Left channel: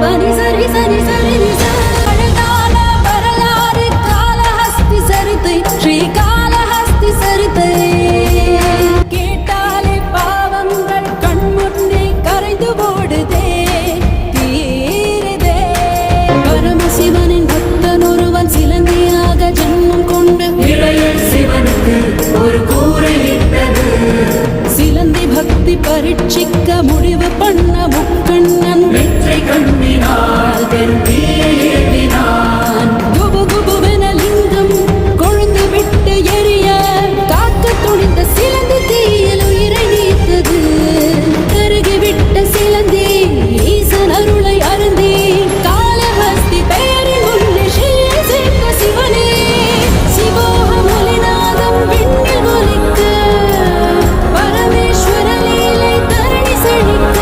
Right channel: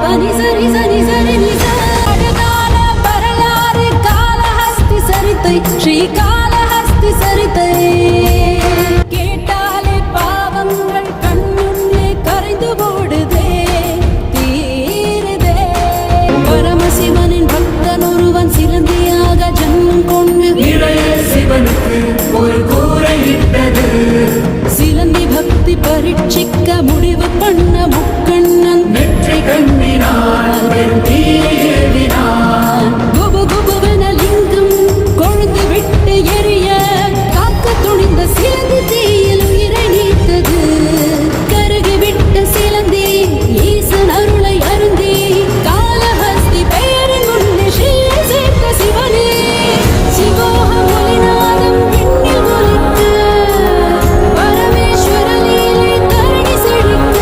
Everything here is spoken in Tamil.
பனி சரி சரி சரி பழகால வரலாறு காளஹஸ்தி சரித்தை ஸ்ரீகாளஹஸ்தி சரித்தை கேட்டாலே பாவங்கள் கண்முன்னே கரைந்து ஓடுதே தீருதே பரமசிவனின் பக்தன் ஒருவன் சிலந்தியாக ஜன்மம் கொண்டு இளைய சிவனுக்கு ஒரு கூரையிட்டது சிலந்தி பக்தி பரீட்சிக்க முடிவு பண்ண முக்கண்ணன் வெற்றி கண்டினார்